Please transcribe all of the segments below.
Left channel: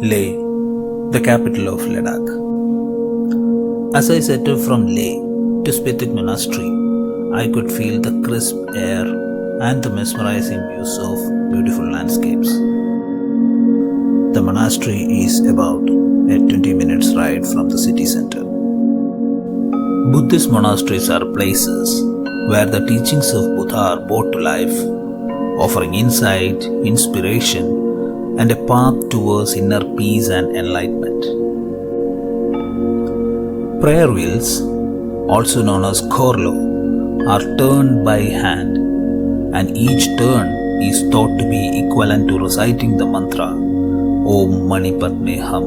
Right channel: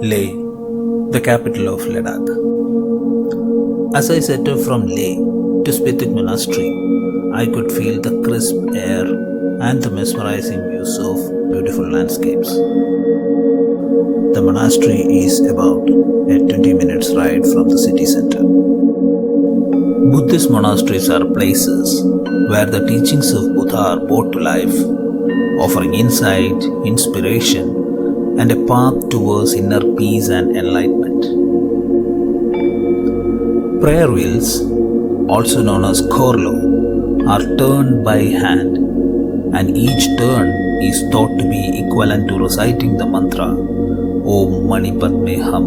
Leh, the capital of Ladakh. As I set off from Leh to Spituk Monastery, I could feel the crisp air and the mesmerizing views of beautiful landscapes. The monastery is about a 20 minutes ride from the city center. Buddhist monasteries are places where the teachings of Buddha are brought to life, offering insight, inspiration, and a path towards inner peace and enlightenment. Prayer wheels, also known as korlo, are turned by hand, and each turn is thought to be equivalent to reciting the mantra Om Mani Padme Hum.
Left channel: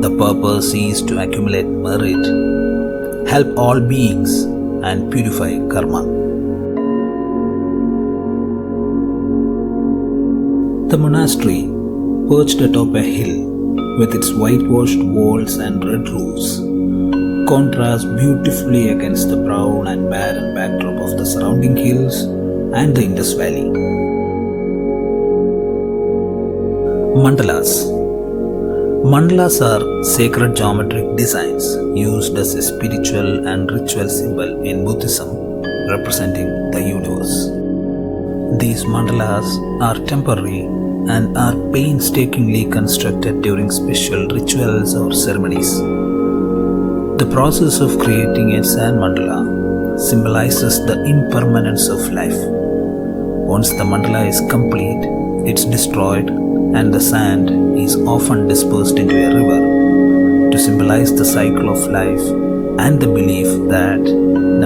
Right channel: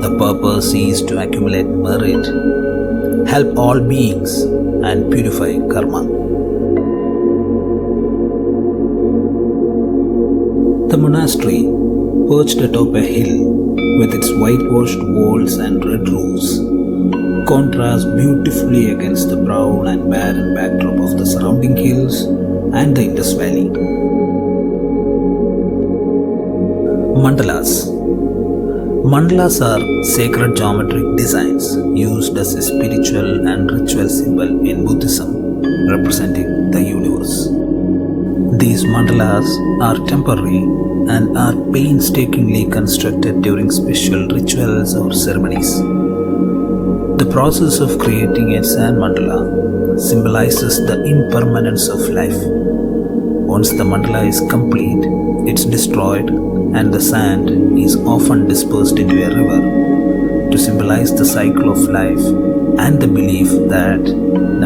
The purpose is to accumulate merit, help all beings, and purify karma. The monastery, perched atop a hill with its whitewashed walls and red roofs, contrasts beautifully against the brown and barren backdrop of the surrounding hills and the Indus Valley. Mandalas. Mandalas are sacred geometric designs used as a spiritual and ritual symbol in Buddhism, representing the universe. These mandalas are temporary and are painstakingly constructed during special rituals or ceremonies. The process of creating a sand mandala symbolizes the impermanence of life. Once the mandala is complete, it's destroyed and the sand is often dispersed into a river to symbolize the cycle of life and the belief that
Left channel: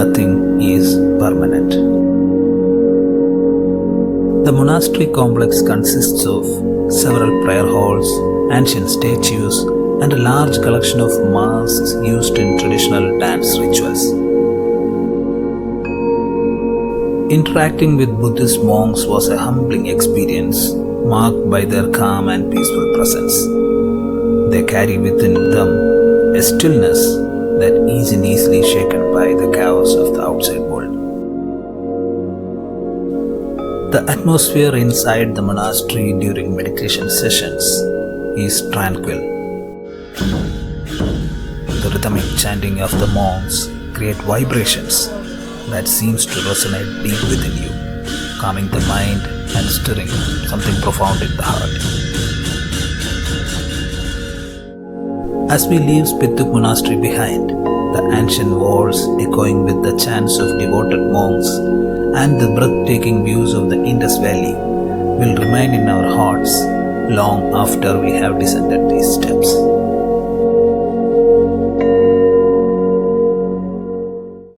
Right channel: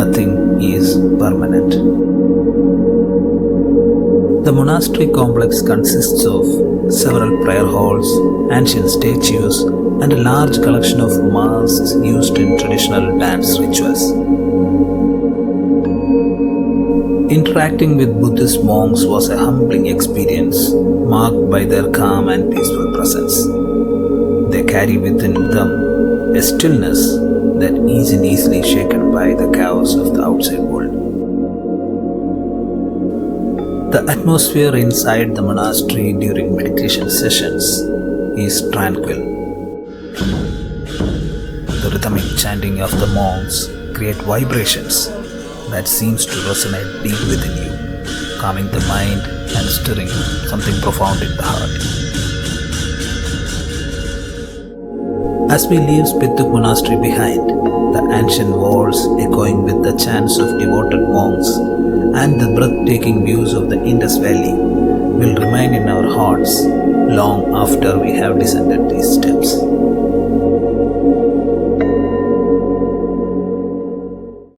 nothing is permanent. The monastery complex consists of several prayer halls, ancient statues, and a large collection of masks used in traditional dance rituals. Interacting with Buddhist monks was a humbling experience, marked by their calm and peaceful presence. They carry within them a stillness that isn't easily shaken by the chaos of the outside world. The atmosphere inside the monastery during meditation sessions is tranquil. The rhythmic chanting of the monks create vibrations that seems to resonate deep within you, calming the mind and stirring something profound in the heart. As we leave Spituk Monastery behind, the ancient walls echoing with the chants of devoted monks and the breathtaking views of the Indus Valley will remain in our hearts long after we have descended these steps.